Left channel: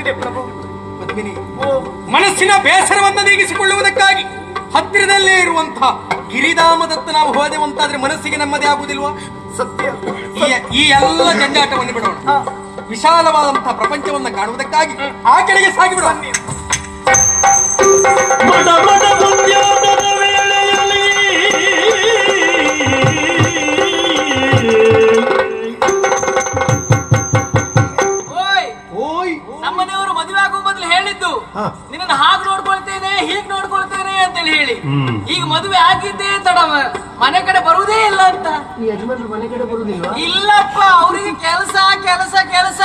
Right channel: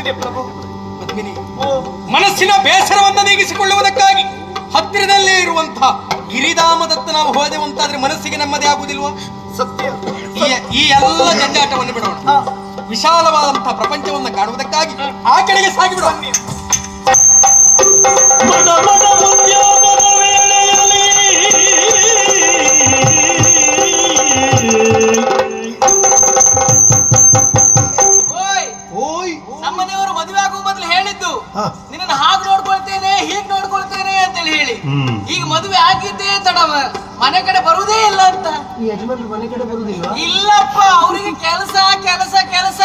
ಗೊತ್ತಿದೆ ಪ್ರಭು. ಪದ್ಮಿನಿ, ಮನಸ್ಸಿನ ಬೇಸರವನ್ನು ನೀಗಿಸಿಕೊಳ್ಳುವುದಕ್ಕಾಗಿ ಹತ್ತಿರದಲ್ಲೇ ಇರುವಂತಹ ಗಿರಿಧಾಮದತ್ತ ನಾವು ಹೋದೆವಂತಾದ್ರೆ ಮನಸ್ಸಿಗೆ ನೆಮ್ಮದಿ ಆಗುವುದಿಲ್ವಾ? ಸತ್ಯ. ಈ ಎಲ್ಲ ಜಂಜಾಟವನ್ನು ಬಿಡೋಣ, ವಿಶಾಲವಾದಂತಹ ಪ್ರಪಂಚವನ್ನು ಕಾಣುವುದಕ್ಕಾಗಿ ಆ ಕಡೆಗೆ ಸಾಗಿಬಿಡೋಣ. ನಮ್ಮನೆಯವರು ಮದುವೆ ಆಗುವ ಮೊದಲು ಹೇಳಿದ್ದು ನಿನ್ನ ಹಾಗೆ ನೋಡ್ಕೊಳ್ತೇನೆ ಹೀಗೆ ನೋಡ್ಕೊಳ್ತೇನೆ ಅಂತೇಳಿ ಹೇಳಿ, ಈಗ ಮದುವೆ ಆಗಿದ್ದೇ ತಡ, ಮನೆ ಕಡೆ ಬರುವುದೇ ಇಲ್ಲ ಅಂತ. ಮನೆ ಕಡೆ ಬರುವುದಿಲ್ಲ? ಇಲ್ಲಪ್ಪ, ಅವರಿಗೆ ಕೆಲಸ ಕೆಲಸ ಕೆಲಸ.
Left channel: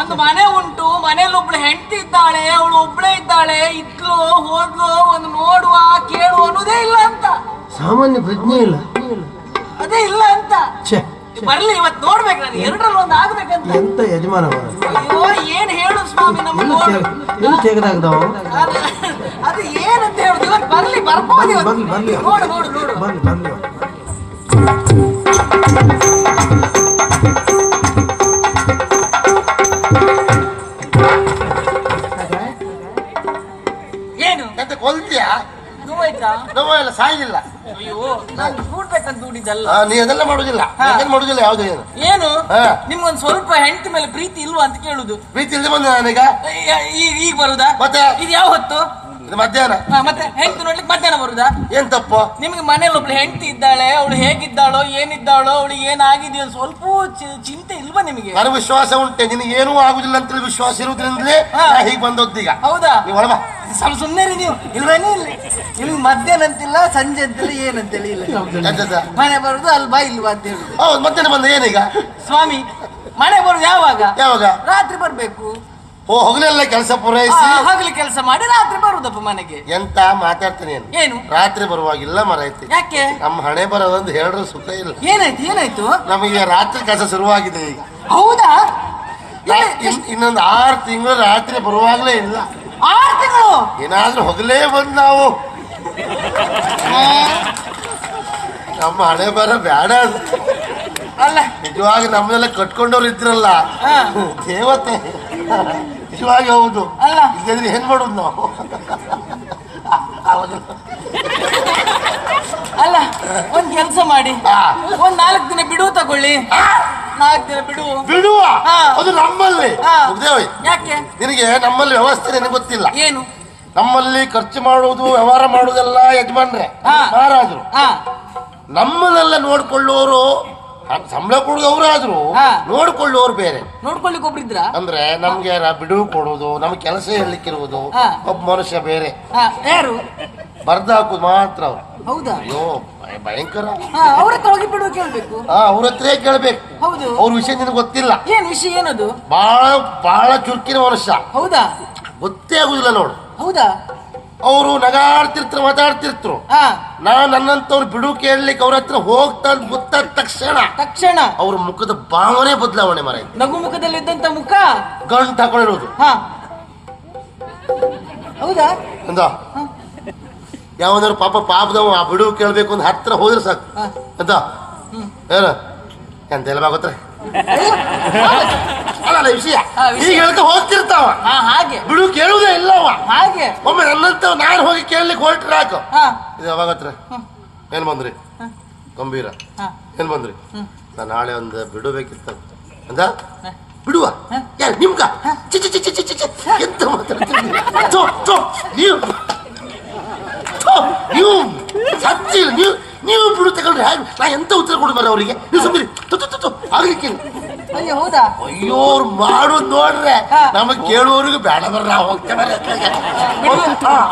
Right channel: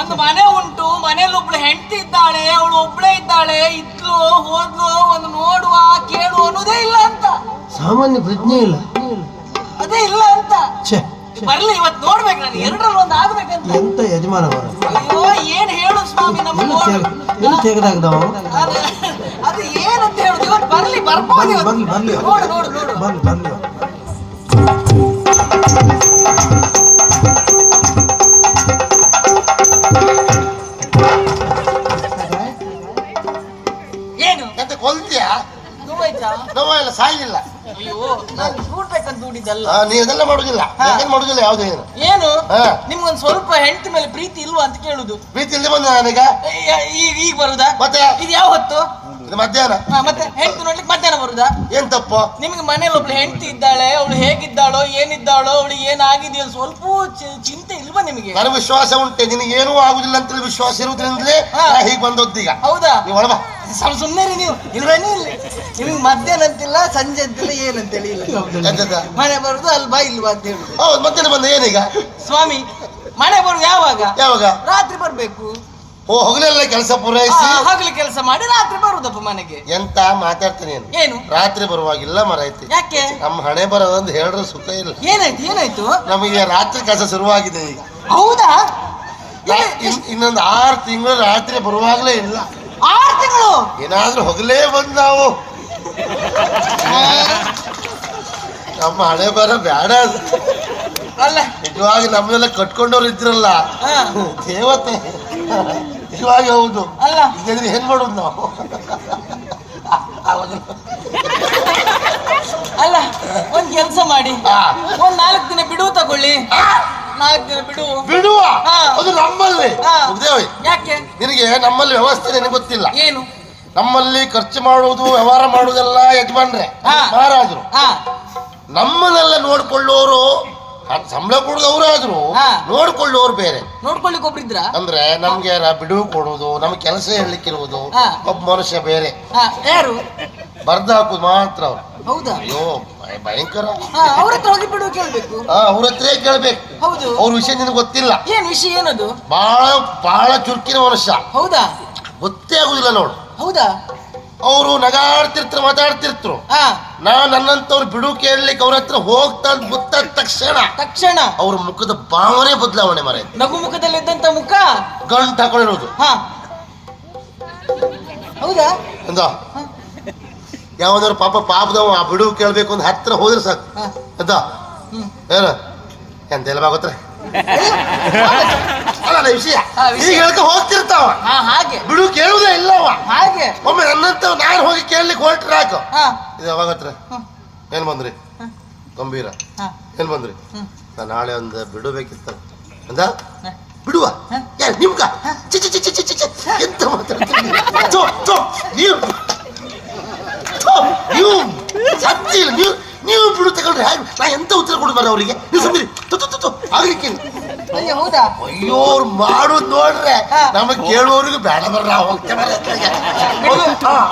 ಒಂದು ಮನೆ ಉಂಟು, ಮನೇಲಿ ಒಬ್ಳು ಹೆಂಡತಿ ಇದ್ದಾಳೆ, ಅವಳು ಒಬ್ಳೇ ಇದ್ದಾಳೆ, ಇದ್ಲು ಹೋದ್ಲು, ಒಂದು ನೋಡುವ ಕೇಳುವ ಅನ್ನೋದೇ ಇಲ್ಲ ಅಂತ. ಸಾಮಾನ್ಯ ಪ್ರಜ್ಞೆ ಇಲ್ಲ, ಅದೇ ಇಲ್ಲ ಅಂತ. ಬರ್ಲಿ ಇವತ್ತು ನೋಡ್ಬೇಕು, ನಾನು ಎರಡರಲ್ಲಿ ಒಂದು ಆಗ್ಬೇಕಂತ. ಎಂತ ಯಜಮಾನ ಅಯ್ಯೋ ಏನ್ ಹೇಳು ಸ್ವಾಮಿ, ನಮ್ಮ ತೆಗೆದಾಗದವ ಅದು ಏನಂತ ಹೇಳುದು. ಇವತ್ತು ಬರ್ಲಿ, ಬರ್ಬೋದು. ನೋಡು ನೋಡು ನೋಡು. ಏನು ಎಂತ ಕೊಲ್ತೀಯಾ? ನೋವೆಲ್ಲ ಸಾಯಿಲ್ಲ. ಅಯ್ಯೋ ನಾನು ನೋಡ್ಬೇಕಂತ ದುಡಿದಲ್ಲ. ನೀ ಅದೆಲ್ಲ ಮಾಡುದಿಲ್ಲ, ಮಾಡುದಿಲ್ಲ ಯಾವುದೇ ಏನು. ಏನು ನಿಮ್ಗೊಂದು ಸ್ವಲ್ಪ ಹೆಂಡತಿ ಮೇಲೆ ಪ್ರೀತಿ ಇಲ್ವಾ ಅಂತ ಕೇಳುದು. ಪ್ರೀತಿ ಇಲ್ಲದೆ ಬಂದ ನಾನೀಗ ಈಗ ಬರುದಾ? ಮತ್ತೆ ಇದು ಯಾವ ಹೊತ್ತು? ಇದು ಮಧ್ಯಾಹ್ನ. ಮತ್ತೆ ಹೆಂಡತಿ ನೋಡ್ಲಿಕ್ಕೆ ಮಧ್ಯಾಹ್ನ ಬರುದಾ? ಏನ್ ತಪ್ಪು? ನಿಮ್ಗೆ ಮನೇಲಿ ಒಬ್ಳು ಹೆಂಡತಿ ಇದ್ದಾಳೆ, ಅವಳು ಹೇಗಿದ್ದಾಳೋ ಏನಿದ್ದಾಳೋ, ಅವಳು ಏನಾಗಿದೆಯೋ ಸ್ವಲ್ಪ ಚಿಂತೆ ಇಲ್ವಾ ನಿಮಗೆ? ನನಗೆ ವಿಶ್ವಾಸ ಉಂಟೆ, ನಿನಗೆ ಏನೂ ಆಗುದಿಲ್ಲ ಅಂತ ವಿಶ್ವಾಸ ಇರುವುದ್ರಿಂದಲೇ ಹೀಗೆ ಬಂದೊದ್ದೀಗ. ಹೌದಾ? ನೀವು ಒಳಬಾ. ಸ್ವಲ್ಪ ಸುಮ್ಮನೆ ನೀವು ಇಲ್ವೇನೇ ಇಲ್ಲ. ನಿಮ್ಗೆ ಮಧ್ಯಾಹ್ನ ಅಂತಿಲ್ಲ, ಸಂಜೆ ಅಂತಿಲ್ಲ, ಏನಂತೇಳಿ ಇಲ್ಲ. ಮನೆ ಬರುದು ಅಲ್ವಾ ಇಲ್ವಾ ಅಂತ ಹೇಳುದು. ಹೌದು, ಮಧ್ಯಾಹ್ನ ಬಂದ ಏನೀಗ? ಸ್ವಾಮಿ ಮನೆ ಬರುದು ಯಾವಾಗ? ಯಾವಾಗ? ರಾತ್ರಿ ಬರ್ಬೇಕು. ಓ, ಹಗಲೆಲ್ಲ ಕೆಲಸ ಪೂರೈಸಿ ಹಗಲು ಕೆಲಸ ಮಾಡಿ ರಾತ್ರಿ ಬರುದಪ್ಪ ಮನೆಗೆ. ಎಂತ ಮಾತಾಡ್ತೀನಿ ಏನು? ರಾತ್ರಿ ಬರುವಾಗಿಲ್ಲ ಮರೈತಿ. ಯಾಕೆ? ನಮ್ಮ ಹಣೆ ಬರೋದಂದು ಹೇಳಿದ್ರೆ ಸುಖ ಇಲ್ಲ. ಏನಾಯ್ತು ಏನಾಯ್ತು? ನಮಗೆ ರಾತ್ರಿ ಕೆಲಸ ಶುರುವಾಗಿದೆ ಈಗ. ಹೌದಾ? ಇನ್ನೊಂದು 6 ತಿಂಗಳು ರಾತ್ರಿ ಬರುವಾಗಲೇ ಇಲ್ಲ. 6 ತಿಂಗಳು? ಏನಾದ್ರೂ ಹೊಗಲೇ ಬಂದ್ ನಾವು ನಮ್ಮ ಹಣೆ ಬರ ಬೇಡ. ಅಲ್ಲ ನಿಜವಾಗಿ ನಮ್ಮನ್ನೆಲ್ಲ ಕಟ್ಕೊಂಡವ್ರು ಇದ್ರಲ್ಲ ದೇವತೆ, ನಿಜವಾಗಿ ಹೌದು. ಅಲ್ಲ ಇದ್ರೆ ಏನ್ ಮಾಡೋದು ನಾವು? ಅಲ್ಲ ಒಂದ್ ಕೆಲಸ ಮಾಡಿ, ಒಂದ್ 4 ದಿನ ಬಿಡುವು ತಗೊಳ್ಳಿ. 4 ದಿನ ಬಿಡುವ. ಅದು ನಮ್ಮಲ್ಲಿ ಯಾಕೆ? ನಿನಗೆ ನಮ್ಮಲ್ಲಿ ವ್ಯವಸ್ಥೆ ನಿನಗೆ ಗೊತ್ತಿಲ್ಲ. ಏನು? ನಮ್ಮಲ್ಲಿ ಖರ್ಚು ಮಾಡುವುದು ವ್ಯವಹಾರ ಮಾಡುವುದೆಲ್ಲ ಯಜಮಾನ್ರೆ, ಮಹಾರಾಜರು. ನಮ್ಮನ್ನೆಲ್ಲ ನೋಡ್ಕೊಳ್ಳೋರು, ಸಂಬಳ ಕೊಡುದು ಅವರಾದ್ರು, ನೋಡ್ಕೊಳ್ಳೋರು ಬೇರೆ. ನೋಡ್ಕೊಳ್ಳಿಕ್ಕೆ ಒಬ್ರಿದ್ರ ಅಂದ್ರೆ ನಮ್ಗೆ ಬಿಡುವು ಕೊಡುವುದು, ನಮ್ಗೆ ಕೆಲಸ ಹೇಳಲಿಕ್ಕಿರುವುದು ಒಬ್ಬ ಮನುಷ್ಯ ಬೇರೆ. ಯಾರು? ಬರ್ದ ಹಾಕುದು ಮಾತ್ರ ಅವ್ರು. ಹೌದಾ? ಅಯ್ಯೋ ಭಯಂಕರ. ಅವ್ರ ಹತ್ರ ಹೋಗಿ ಬಿಡುವ ಕೇಳ್ಬೇಕು. ಅವ್ರ ಹತ್ರ ಕೇಳ್ಬೇಕು. ಹೌದು. ಅವ್ರ ವಿಷಯ ನಿನಗೆ ಗೊತ್ತಿಲ್ಲ. ಏನ್ ವಿಷಯ? ಏನದು? ಬಹಳ ಚುರುಕಿನ ಮನುಷ್ಯ. ಹೌದಾ? ಗೊತ್ತೇ ಆಗುದಿಲ್ಲ ನೋಡು. ಹೌದಾ? ಅವರು ನಗಾಡ್ತಿರ್ತಾರೆ, ಮಾತಾಡ್ತಿರ್ತರು. ನನ್ನಂತವ್ರು ಬಿಡು ಕೇಳಲಿಕ್ಕೆ ಅವ್ರ ಹತ್ರ ಹೋಗ್ತಾ ಗೊತ್ತಾದ ತಕ್ಷಣ ಅವ್ರ ಮುಖದ ಭಾವನೆ ಬದಲಾವಣೆ ಮರ. ನಗು ಮುಖದಲ್ಲಿದ್ದಂತ ಮುಖ ಗಂಟು ಹಾಕೊಂಡಿರೋದು. ಹೌದಾ? ಎಂದ ಯಾವನಾರು ಪಾಪದವ ಆ ಬಿಡುವು ಕೇಳ್ಬೇಕು ಅಂತ ಹತ್ರ ಹೋದ್ರೆ ಸಾಕು. ಎಂತ ಏನ ಎಂತೆಲ್ಲ ಬಾಗೋತ್ರೆ ಅಲ್ಲ ವಿಷಯ ಈಗ ಹೇಳ್ಕ ಹೋಗ್ತಿರ್ತಾವ. ಹಾಗೆ ಬಿಡು ಕೇಳುವುದೇ ಇಲ್ಲವ. ಹಾಗೆ ಒಮ್ಮೆ ನನ್ನಂತ ನಾನು ಹೋಗಿ ಕೇಳಲಿಕ್ಕೆ ಹೊರಟ್ರೆ ಹಾಕು. ಇದು ಯಾವಾಗತ್ರ ಏನ್ ಬಂದ್ರಿ? ಗಂಭೀರ ಏನ್ ಬಂದ್ರಿ? ನಾನು ನಾಳೆ ಒಂದು ಬಿಡಬೇಕಿತ್ತ ಅಂದ. ಬಿಡುವ ಯಾರು ನಿಮ್ಗ? ಎಂತ ಮಾತಾಡ್ತೀನಿ ನೀವು ಸತ್ಯ ಇಲ್ಲ. ನೀವು ಬಿಡು ತಗೊಂಡ್ರೆ ನಾ ಎಂತ ಉತ್ತರ ಕೊಡ್ಬಾರ ಅವರಿಗೆ? ನೀವು ಸುಮ್ಮನೆ ಆಗ್ಲಿಕ್ಕೆ. ಹೌದಾ? ಅಯ್ಯೋ ಅವ್ರು ಮಾಡೋದು ನೋಡ್ರೆ ನಮಗ್ ಕೇಳುವವರಿಗೂ ಬೇಡ ಬರ್ರ ಹೋಗ್ತೇವೆ.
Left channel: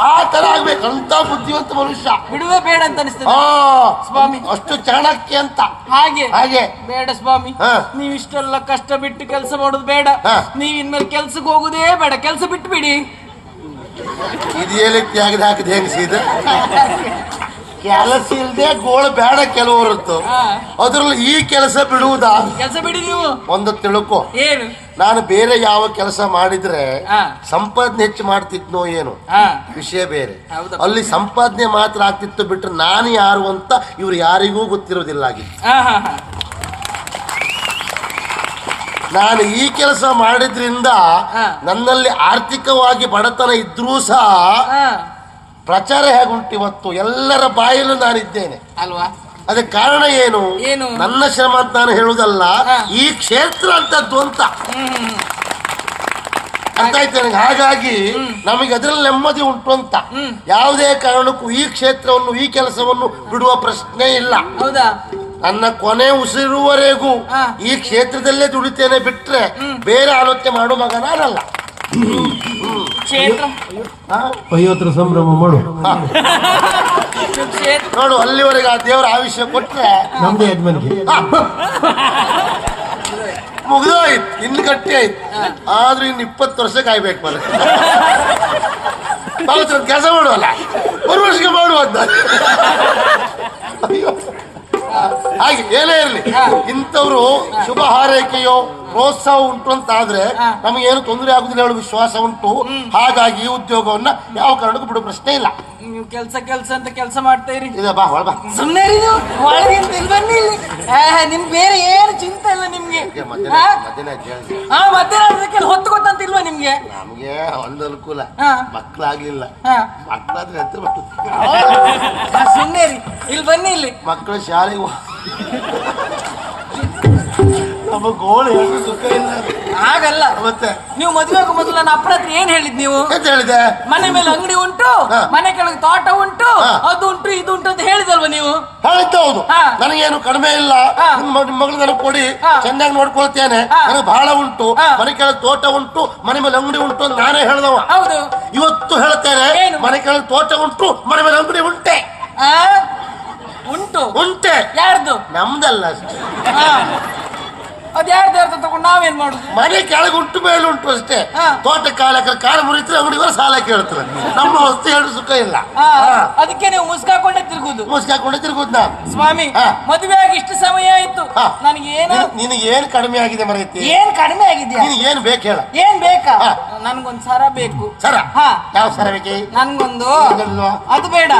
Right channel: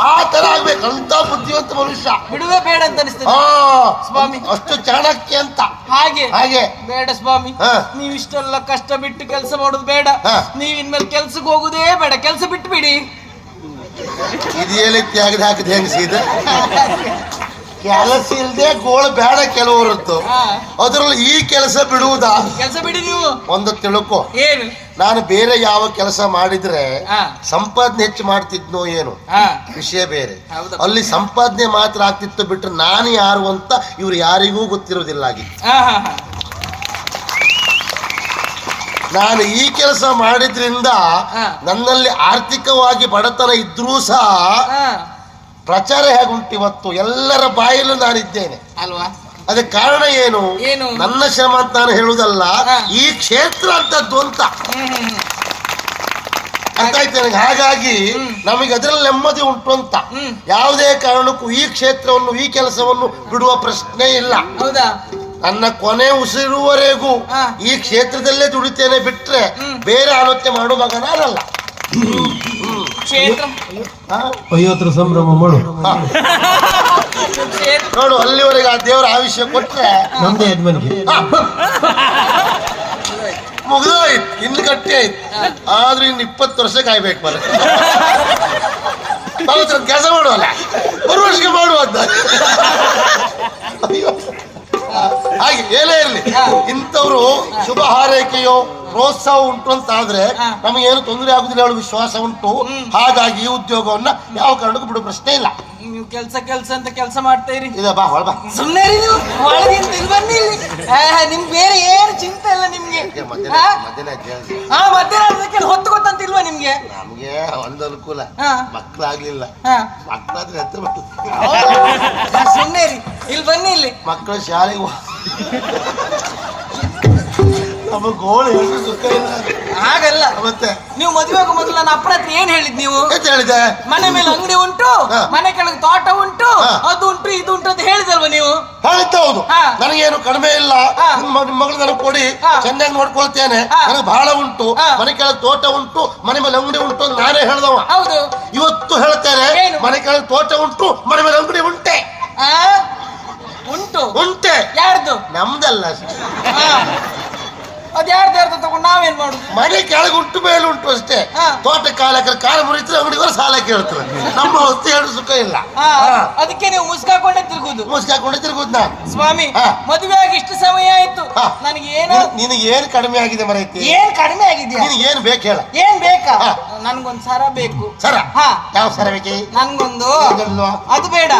ಆ ತರ ಆಗ್ಬೇಕು ಅಂತ ಬುದ್ಧಿವಂತ ಮನುಷ್ಯ. ಬಿಡುವೆ ಬೇಡ ಅಂತ ಅನಿಸ್ತದೆ ಸ್ವಾಮಿ. ಅಷ್ಟು ಚಾಣಕ್ಯ ಅಂತ. ಹಾಗೆ ಬೇಡ ಸ್ವಾಮಿ. ನೀವ್ ಇಷ್ಟೆಲ್ಲ ಕಷ್ಟ ಬಿಟ್ಟು ಕೆಲಸ ಮಾಡೋದು ಬೇಡ. ನೀವ್ ಇನ್ಮೇಲೆ ಕೆಲ್ಸಕ್ಕೆ ಹೋಗುದೇ ಬೇಡ, ಕೆಲಸ ಬಿಟ್ಟು ಬಿಡಿ. ಇದೇಲಿ ತ್ಯಾಗದ ಹಾಕಿದ ಹೆಂಗ್ ಸೀದ ಕೆಲಸ ಇಲ್ಲದೆ ಗೋಳು ಬೇಡ ಕೆಲವರದ್ದು. ಅದ್ರಲ್ಲಿ ಈ ಕೆಲಸ ಬಿಡುವುದಾ? ಕೆಲಸ ಬಿಡಿ ನೀವು. ಒಂದು ತಿಳ್ಕೊ, ಏನು ನಾನು ಬೇರೆ ಯಾವ ಕೆಲಸ ಮಾಡಿದ್ರೆ ಸಂಪಾದನೆ ಹೆಚ್ಚು ಮಾಡ್ತಿದ್ನೋ ಏನು ವಿಷಯ ಬೇರೆ. ಅಲ್ಲಿ ಸಂಪಾದನೆ ಮಾತ್ರ ಆಗ್ತಿತ್ತು ಬಿಟ್ರೆ ನಾನು ಯಾರು ಅಂತ ಇವ್ರು ಯಾರಿಗೂ ಗೊತ್ತಿರೋದಿಲ್ಲ ಆಗಿತ್ತು. ನಾನು ಈ ಕೆಲಸ ಮಾಡಿದ್ರಿಂದ ನನ್ನಲ್ಲಿ ಆರ್ಥಿಕವಾಗಿ ಬಡತನ ಇದ್ರೂ ಸಹ ಪ್ರಚಾರ ಹೇಗುಂಟು ಇವತ್ತು ಎಲ್ಲರ ಬಾಯಲ್ಲೂ ನಾನಿದ್ದೇನೆ ಅಲ್ವಾ? ಅದಕ್ಕೆ ಕಾರಣ ಏನು? ಏನು? ನನ್ನ ಶ್ರಮ ಅಂತ ನಾನು ಹೇಳುವುದಲ್ಲ, ಈ ಕ್ಷೇತ್ರ ಅಂತದ್ದು ಅಂತ ಅರ್ಥ ಆಯ್ತು ನನಗೆ. ಹಾಗಾಗಿ ನಮಗೆ ಅದರಲ್ಲಿ ನೆಮ್ಮದಿ ಉಂಟು ಅಂತ. ಯಾವುದೇ ಕಾರಣಕ್ಕೂ ಈ ಕ್ಷೇತ್ರವನ್ನು ಈ ಕೆಲಸವನ್ನು ಬಿಡುವ ಪ್ರಶ್ನೆ ಇಲ್ಲ. ಹೌದಾ? ನನ್ನ ಕೊನೆ ಉಸಿರುವರೆಗೂ ಈ ಕ್ಷೇತ್ರದಲ್ಲೇ ದುಡಿತೇನೆ ಬಿಟ್ರೆ ಬೇರೆ ಆಲೋಚನೆ ಮಾಡುವ ಮಗ ನಾನಲ್ಲ. ಕ್ಷೇತ್ರ ಅಯ್ಯೋತ್ರ ಸಂಭ್ರಮ ಮಾಡು. ನೋಡು, ಅಲ್ಲಿವರೆಗೆ ಆ ದೇವರ ಆಯುಷ್ಯ ಕೊಟ್ರೆ ನಮ್ದೇ ಯಜಮಾನಿಗೆ ಮುಗಿದೋಯ್ತು, ಇನ್ನು ಗಟ್ಟಿ ಆಯ್ತು. ಆದ್ರೂ ಇನ್ನು 20 ವರ್ಷ ಕಾಯ್ಬೇಕು ಮನೆ. ಕೆಲಸ ಮಾಡುವಲ್ಲ, ಒಂದು ವರ್ಷಕ್ಕೆ ಮಾಡುವ ಅಂತ. ಹಾಗೆ ಏನೇ ಇರಲಿ, ಇಂಥವ್ರು ಶುಭ ಹಾರೈಕೆಯೋ ಪ್ರೋತ್ಸಾಹ ಉಂಟು ಅಂತ ಆದ್ರೆ ನಮಗೇನು ತೊಂದರೆ ಆಗುದಿಲ್ಲ ಹೇಳುವ ವಿಶ್ವಾಸ ಉಂಟು. ಹಾಗಾಗಿ ಈ ಉದ್ಯೋಗವನ್ನ ಯಾವ ಕಾರಣಕ್ಕೂ ಬಿಡುವ ಪ್ರಶ್ನೆ ಇಲ್ಲ. ನೀವು ಕೆಲಸ ಅಂತ ಕೆಲಸ ಮಾಡ್ತಾ ಇರಿ. ಬಾ ಹೊಳ ಬಾ. ಸುಮ್ಮನೆ ನೀವು ಒಳಗಿಂದ ಬನ್ನಿ ಇಲ್ಲಿ. ನಿಮ್ಗೆ ಬೇರೆ ಏನು ಚಿಂತೆ ಇಲ್ಲ ನಿಮ್ಗೆ. ಮಧ್ಯಾಹ್ನ ಹೊತ್ತು ಗೊತ್ತಂತ ಇಲ್ವಾ ನಿಮ್ಗೆ? ನಮ್ಗೆ ಒಂದು ಅನುಕೂಲ, ಮಕ್ಕಳಾಗ್ಲಿಲ್ಲ. ಮಕ್ಕಳಾದ್ರೆ ಹತ್ರ ಸುಮ್ಮನೆ ಇಲ್ಲಿ ಬನ್ನಿ ಇಲ್ಲಿ. ಮಕ್ಕಳು ಶಾಲೆಗೆ ಗೋಳು ಸುಖ ಇಲ್ಲ ಹಾಗಲ್ಲ. ಮತ್ತೆ ನೀವು ಮದುವೆ ಆಗೋ ಮೊದಲು ನನ್ನ ಅಪ್ಪನ ಹತ್ರ ಏನ್ ಹೇಳಿದ್ ನೀವು? ಎಂತ ಹೇಳಿದೆ? ಮನೆ ಮೇಲೆ ಅಂಗಡಿ ಉಂಟು, ಮನೆ ಕೆಳಗೆ ತೋಟ ಉಂಟು, ಅದು ಉಂಟು ಇದು ಉಂಟು ಅಂತ ಹೇಳಿದಲ್ವ ನೀವು? ಹೇಳಿದ್ದ ಹೌದು. ನನಗೇನು ಕಡಿಮೆ ಇಲ್ಲ, ನಿಮ್ಮ ಮಗಳು ನನಗೆ ಕೊಡಿ, ಚೆನ್ನಾಗಿ ನೋಡ್ಕೊಳ್ತೇನೆ, ನನಗೆ ಬಹಳ ಉಂಟು, ಮನೆ ಕೆಳಗೆ ತೋಟ ಉಂಟು, ಮನೆ ಮೇಲೆ ಅಂಗಡಿ ಉಂಟು ಅಂತ ನಾನೇ ಹೇಳ್ದವ. ಹೌದು. ಇವತ್ತು ಹೇಳ್ತೇನೆ, ಮನೆ ಕೆಳಗೆ ತೋಟ ಉಂಟು, ಮನೆ ಮೇಲೆ ಅಂಗಡಿ ಉಂಟೆ. ಉಂಟು ಉಂಟೆ. ಯಾರ್ದು? ನಮ್ದಲ್ಲ. ಅದ್ ಯಾರ್ದು ತಗೊಂಡು ನಾವೇನ್ ಮಾಡುದು? ಮನೆ ಕೆಳಗೆ ಉಂಟು, ಮೇಲೆ ಉಂಟು ಅಷ್ಟೇ. ತೋಟ ಕಾಲ ಮುರಿದ್ರೆ ಅಂಗಡಿಗಳು ಸಾಲ ಕೇಳ್ತಾರೆ. ನಮ್ಮ ವಸ್ತು ಹೇಳು ಸುಖ ಇಲ್ಲ. ಅದಕ್ಕೆ ನೀವು ಮುಸ್ಕಾಕೊಂಡೇ ತಿರುಗುದು. ಮುಸ್ಕಾಕೊಂಡೇ ತಿರುಗುದು ನಾನು. ಸ್ವಾಮಿ, ಮದುವೆ ಆಗಿ ಇಷ್ಟು ಸಮಯ ಆಯ್ತು, ನನಗೆ ಏನು ನಿನಗೆ ಏನ್ ಕಡಿಮೆ ಆಗಿದೆ ಮರೈತಿ? ಏನ್ ಕಡಿಮೆ ಆಗಿದ್ಯಾ? ನಿನಗೆ ಏನ್ ಬೇಕು ಹೇಳ? ಏನ್ ಬೇಕಾ? ನನ್ಗೊಂದ್ ಸರ ಬೇಕು. ಸರ? ಯಾವ ಸರ ಬೇಕಿ? ನನ್ಗೊಂದು ಅದು ಬೇಡ,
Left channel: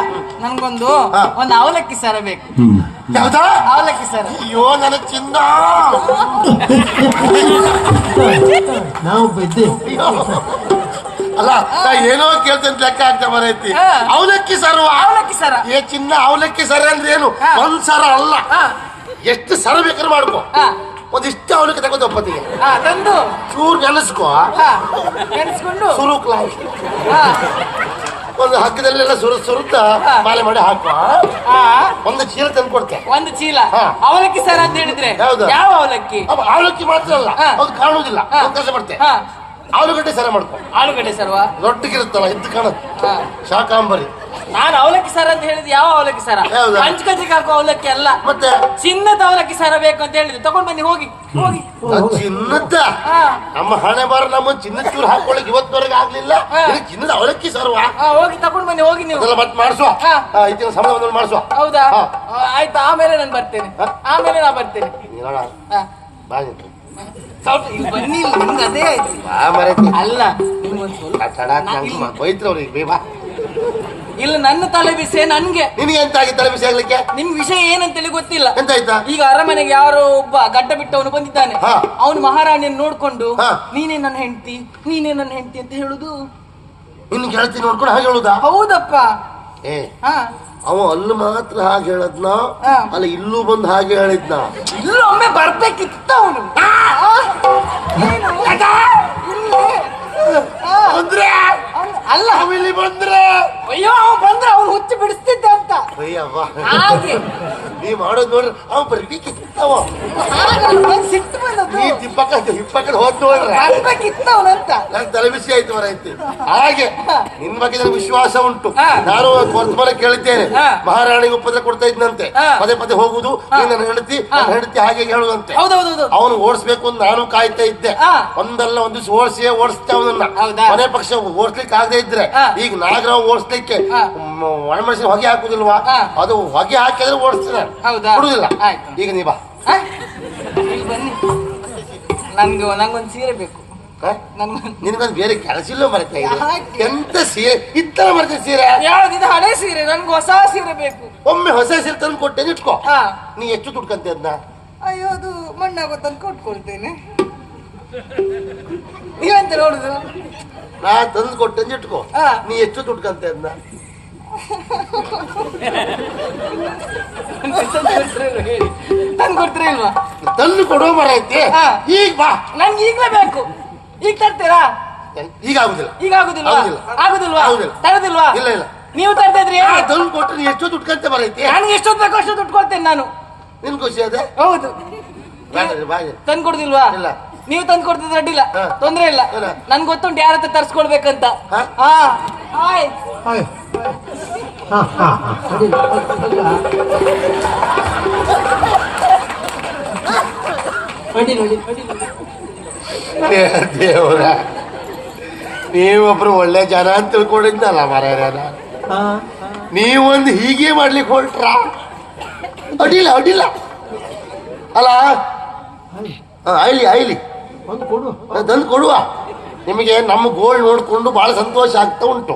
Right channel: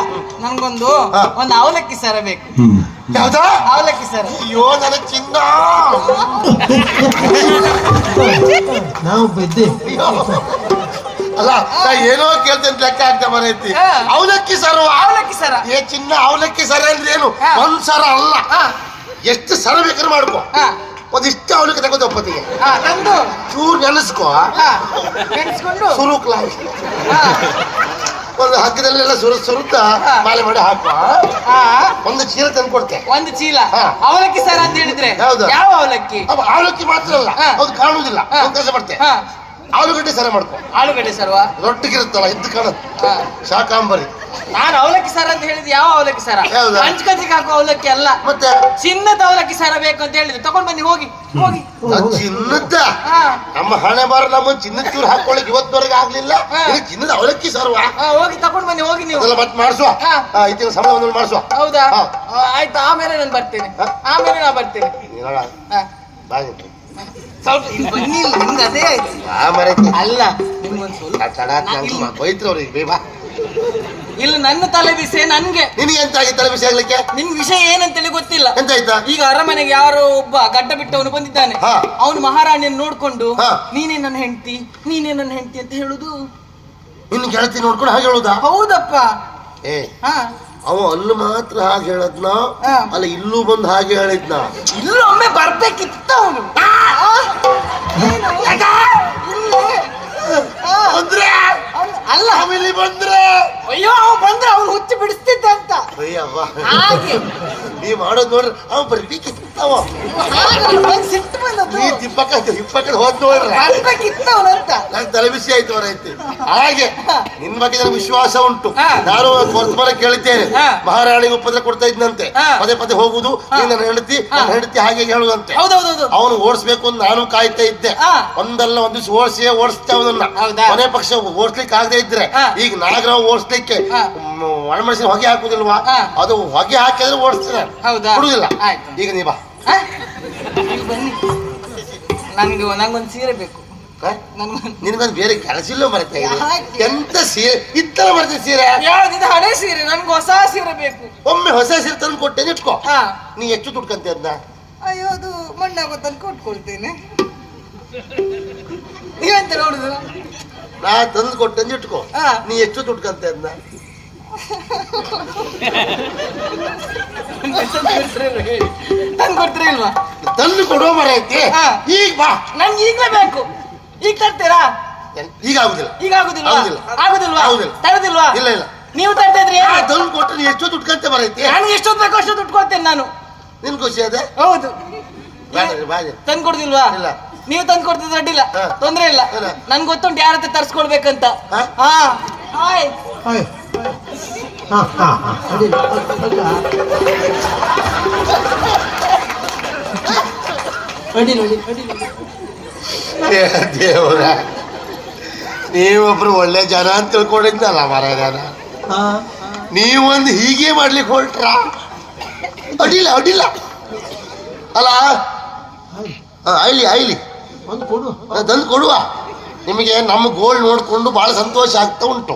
ನನ್ಗೊಂದು ಒಂದು ಅವಲಕ್ಕಿ ಸರ ಬೇಕು. ಯಾವ್ದ? ಅವಲಕ್ಕಿ ಸರ. ಅಯ್ಯೋ ನನ್ನ ಚಿನ್ನ, ನಾವು ಬೆದ್ದೆ. ಅಲ್ಲ ಏನೋ ಕೇಳ್ತಂತ ಲೆಕ್ಕ ಆಗ್ತಾ ಮರೈತಿ. ಅವಲಕ್ಕಿ ಸರ? ಅವಲಕ್ಕಿ ಸರ. ಏ ಚಿನ್ನ, ಅವಲಕ್ಕಿ ಸರ ಅಂದ್ರೆ ಏನು? ಒಂದ್ ಸರ ಅಲ್ಲ, ಎಷ್ಟು ಸರ ಬೇಕಾದ್ರೆ ಮಾಡ್ಕೋ. ಒಂದಿಷ್ಟು ಅವಲಕ್ಕಿ ತಗೋದು ಒಪ್ಪತ್ತಿಗೆ ತಂದು ಚೂರು ನೆನೆಸ್ಕೋ, ನೆನೆಸ್ಕೊಂಡು ಸುರುಕ್ಲ ಒಂದು ಹಗ್ಗದಲ್ಲೆಲ್ಲ ಸುರುತ್ತ ಮಾಲೆ ಮಾಡಿ ಹಾಕುವ. ಒಂದು ಚೀಲ ತಂದು ಕೊಡ್ತೆ. ಒಂದು ಚೀಲ ಅವಲಕ್ಕಿ ಸರ ಅಂತ ಹೇಳಿದ್ರೆ ಯಾವ ಅವಲಕ್ಕಿ? ಅವಲಕ್ಕಿ ಮಾತ್ರ ಅಲ್ಲ, ಅದು ಕಾಣುವುದಿಲ್ಲ. ಕೆಲಸ ಮಾಡ್ತೆ, ಆಲೂಗಡ್ಡೆ ಸರ ಮಾಡ್ಕೊ. ಆಲೂಗಡ್ಡೆ ಸರ್ವ ರೊಟ್ಟಿಗಿರುತ್ತಲ್ಲ, ಇದ್ದು ಕಾಣುತ್ತೆ, ಶಾಕಾಂಬರಿ. ನಾನು ಅವಲಕ್ಕಿ ಸರ ಅಂತ ಹೇಳಿದ್ ಯಾವ ಅವಲಕ್ಕಿ ಸರ? ಪಂಚಕಂಚಿಗೆ ಹಾಕೋ ಅವಲಕ್ಕಿ ಅಲ್ಲ, ಮತ್ತೆ ಚಿನ್ನದ ಅವಲಕ್ಕಿ ಸರ ಬೇಕು ಅಂತ ಹೇಳಿದ್ರು. ತಗೊಂಡ್ ಬನ್ನಿ, ಹೋಗಿ ಹೋಗಿ. ಚಿನ್ನದ? ನಮ್ಮ ಹಣೆ ಬಾರ ನಮ್ಮ ಚಿನ್ನದ ಚೂರು ಹಾಕೊಳ್ಳಿ ಇವತ್ತವರೆಗೆ ಆಗ್ಲಿಲ್ಲ. ಚಿನ್ನದ ಅವಲಕ್ಕಿ ಸರ್ವ? ಹೋಗಿ ತಗೊಂಡ್ ಬನ್ನಿ, ಹೋಗಿ ನೀವು. ಮತ್ತೆ ಮಾಡಿಸುವ, ಇದನ್ನ ಸಂಬಳ ಮಾಡಿಸುವ. ಹೌದಾ? ಆಯ್ತು, ಆಮೇಲೆ ನಾನು ಬರ್ತೇನೆ. ಆಮೇಲೆ ನಾ ಬರ್ತೇನೆ. ಸ್ವಲ್ಪ ಬನ್ನಿ, ನಿಮ್ಗೆ ಅದೇ ಆಯ್ತು. ಅಲ್ಲ, ನಿಮ್ಗೊಂದು ಸ್ವಲ್ಪ ಇಲ್ಲ, ನನ್ನ ತಲೆ ಬಿಸಿ ನನ್ಗೆ. ನಿನಗೆ ಎಂತ ಆಗಿ ತಲೆ ಬಿಸಿ ಆಗ್ಲಿಕ್ಕೆ? ನಿಮ್ಗೆ ವಿಷಯ ಏನಂತೇಳಿ ಗೊತ್ತಿಲ್ಲ. ಎಂತ ಆಯ್ತಾ? ಈಗ ಅರಮನೆಗೆ ಯಾರೋ ಒಬ್ಬ ಗಡ್ಡ ಬಿಟ್ಟವನು ಬಂದಿದ್ದಾನೆ. ಅವನು ಮಹಾರಾಣಿಯನ್ನು ನೋಡ್ಕೊಂಡು ನೀನೇ ನನ್ನ ಹೆಂಡತಿ, ನೀನೇ ನನ್ನ ಹೆಂಡತಿ ಅಂತ ಹೇಳುದು. ಇನ್ನು ಗೆಳತಿ ನೋಡ್ಕೊಂಡು ಹಾಗೆ ಹೇಳುದಾ? ಹೌದಪ್ಪ. ಅವ ಅಲ್ಲೂ ಮಾತ್ರ ಹಾಗೆ ಹೇಳದ್ನ, ಅಲ್ಲ ಇಲ್ಲೂ ಬಂದು ಹಾಗೆ ಹೇಳಿದ್ನ. ಇಲ್ಲೂ ಒಮ್ಮೆ ಬರ್ಬೇಕಿತ್ತ ಅವನು. ಅಲ್ಲ, ಇಲ್ಲಿ ಬಂದ್ರೆ ಅಯ್ಯೋ ಅವ ಬಂದ್ರೆ ಅವ್ನು ಹುಚ್ಚಿ ಬಿಡಿಸ್ತಿದ್ದ ಅಂತ. ಹಾಗೆ ನೀ ಮಾಡೋದ್ ನೋಡ್ರಿ, ಅವ ಬರ್ಬೇಕಿತ್ತ. ಸಿಟ್ಟು ಬಂದದ್ದು. ನೀ ಇಪ್ಪಕ್ಕಲ್ಲಿ ಹೋದ್ ನೋಡ್ರಿ, ಬರ್ಬೇಕಿತ್ತವನಂತ. ನಂಗೆ ತಲೆ ಬಿಸಿ ಆಯ್ತು ಅವರೈತಿ. ಹಾಗೆ ನಿನ್ ಬಗ್ಗೆ ನನಗೆ ವಿಶ್ವಾಸ ಉಂಟು. ನಾನು ವರ್ತಮಾನ ಕೇಳಿದ್ದೇನೆ, ಮಹಾರಾಣಿಗೆ ಉಪದ್ರ ಕೊಡ್ತಾ ಇದ್ನಂತೆ, ಪದೇ ಪದೇ ಹೋಗುದು, ನೀನ್ ನನ್ನ ಹೆಂಡತಿ ಹಾಗೆ ಹೇಳುವಂತೆ. ಅವನು ಓಡಿಸ್ಬೇಕು ಅಂತ ನಾನು ಕಾಯ್ತಾ ಇದ್ದೆ. ಒಂದಲ್ಲ ಒಂದ್ ದಿವಸ ಓಡಿಸ್ತೆ ಅವನನ್ನ. ಮನೆ ಪಕ್ಷ ಓಡಿಸ್ಲಿಕ್ಕೆ ಆಗದೆ ಇದ್ರೆ ಈಗ ನಾಗರಾವ್ ಓಡಿಸ್ಲಿಕ್ಕೆ ಒಣಮೆಣಸಿನ ಹೊಗೆ ಹಾಕುದಿಲ್ವಾ? ಅದು ಹೊಗೆ ಹಾಕಿದ್ರೆ ಓಡಿಸ್ತೇನೆ, ಬಿಡುದಿಲ್ಲ. ಈಗ ನೀ ಬಾ, ನಂಗೊಂದು ಸೀರೆ ಬೇಕು. ನಿನ್ಗೊಂದು ಬೇರೆ ಕೆಲಸ ಇಲ್ಲ ಮರತೆ. ಎಂತ ಸೀರೆ ಇತ್ತಲ್ಲ ಮರತೆ? ಸೀರೆ ಯಾವ್ದಿದೆ? ಹಳೆ ಸೀರೆ. ನನ್ಗೆ ಹೊಸ ಸೀರೆ ಬೇಕು. ಒಮ್ಮೆ ಹೊಸ ಸೀರೆ ತಂದು ಕೊಟ್ಟೇನೆ, ಇಟ್ಕೋ. ನೀ ಎಷ್ಟು ದುಡ್ಕಂತೆ ಅದನ್ನ? ಅಯ್ಯೋ, ಅದು ಮಣ್ಣಾಗೋ ತಂದು ಕೊಟ್ಕೊಳ್ತೇನೆ. ನೀವೆಂತ ನೋಡುದು? ನಾ ತಂದು ಕೊಟ್ಟಂದು ಇಟ್ಕೋ. ಹಾ. ನೀ ಎಷ್ಟು ದುಡ್ಕಂತ ಅದ್ನ? ತಂದು ಕೊಡ್ತೀರಿ ಇಲ್ವಾ? ತಂದು ಕೊಡುವ ಮರ ಐತಿ. ಹಾ. ಈಗ ಬಾ. ನನ್ಗೆ ಈಗ್ಲೇ ಬೇಕು. ಈಗ ತರ್ತೀರಾ? ಈಗ ಆಗುದಿಲ್ಲ. ಈಗ ಆಗುದಿಲ್ವಾ? ಆಗುದಿಲ್ಲ. ಆಗುದಿಲ್ವಾ? ಆಗುದಿಲ್ಲ. ತರದಿಲ್ವಾ? ಇಲ್ಲ ಇಲ್ಲ. ನೀವು ತರ್ತಾ ಇದ್ರಿ ನಾ ತಂದು ಕೊಟ್ಟು ನೀ ಎಷ್ಟು ದುಡ್ಕಂತ ಮರ ಐತಿ. ನನ್ಗೆ ಎಷ್ಟೊತ್ತು ಬೇಕೋ ಅಷ್ಟು ದುಡ್ಡು ಕೊಡ್ತೇನೆ ನಾನು. ನಿನ್ ಖುಷಿ ಅದೇ? ಹೌದು. ಬಾಜಿ ತಂದು ಕೊಡುದಿಲ್ವಾ? ಇಲ್ಲ. ನೀವು ತಂದು ಕೊಡ್ತಿದ್ರೆ ಅಡ್ಡಿಲ್ಲ, ಹಾ. ತೊಂದ್ರೆ ಇಲ್ಲ. ಇಲ್ಲ. ನನ್ಗೆ ಗೊತ್ತುಂಟು ಯಾರ ಹತ್ರ ತರ್ಸ್ಕೊಳ್ಬೇಕಂತ. ಹಾ? ಹಾ ಹಾಯ್. ಹಾಯ್. ಹಾ ಹಾ ಹಾ ಅಡ್ಡಿಲ್ಲ. ಅಡ್ಡಿಲ್ಲ ಅಡ್ಡಿಲ್ಲ ಅಡ್ಡಿಲ್ಲ. ದೇವರ, ನೀವೊಬ್ರು ಒಳ್ಳೆ ಜನ ಅಂತ ತಿಳ್ಕೊಂಡಿದ್ದಲ್ಲ ಮರ. ಹಾ ನೀವೊಂದು ಹೀಗೆ ಮಾಡ್ಲಿಕ್ಕೆ ಹೊರಟ್ರ ಅಡ್ಡಿಲ್ಲ ಅಡ್ಡಿಲ್ಲ ಅಲ್ಲ. ಐಲಿ ಐಲಿ ಒಂದು ಕೊಡು. ತಂದು ಕೊಡುವ. ನಿಮಗೆ ನಮ್ಮ ಗೋಲ್ಡ್ ನೋಡ್ಕೊಂಡು ಬಹಳ ಸಂತೋಷ ಆಗ್ತಾ ಉಂಟು.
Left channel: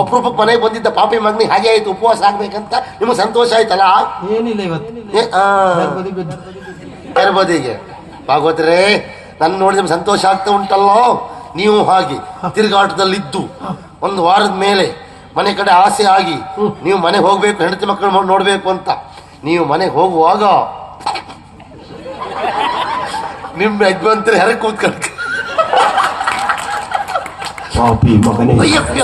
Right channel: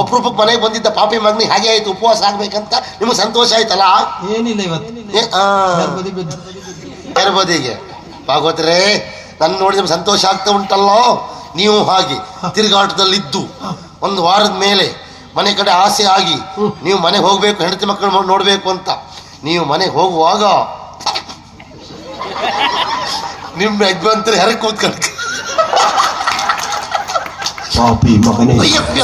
ಅಪರೂಪಕ್ಕೆ ಮನೆಗೆ ಬಂದಿದ್ದ ಪಾಪಿ ಮಗನಿಗೆ ಹಾಗೆ ಆಯ್ತು, ಉಪವಾಸ ಆಗ್ಬೇಕಂತ ನಿಮಗೆ ಸಂತೋಷ ಆಯ್ತಲ್ಲ? ಏನಿಲ್ಲ ಇವತ್ತು ಗರ್ಭದಿ ಬಿದ್ದು. ಗರ್ಭದಿಗೆ ಭಾಗವತರೇ, ನನ್ನ ನೋಡಿ ನಿಮ್ಗೆ ಸಂತೋಷ ಆಗ್ತಾ ಉಂಟಲ್ಲೋ. ನೀವು ಹಾಗೆ ತಿರುಗಾಟದಲ್ಲಿದ್ದು ಒಂದು ವಾರದ ಮೇಲೆ ಮನೆ ಕಡೆ ಆಸೆ ಆಗಿ ನೀವು ಮನೆಗೆ ಹೋಗ್ಬೇಕು, ಹೆಂಡತಿ ಮಕ್ಕಳು ನೋಡ್ಬೇಕು ಅಂತ ನೀವು ಮನೆಗೆ ಹೋಗುವಾಗ ನಿಮ್ಮ ಯಜಮಾನ್ತರು ಹೆರ ಕೂತ್ಕೊಂಡು ಪಾಪಿ ಮಗನೇ. ಅಯ್ಯಪ್ಪ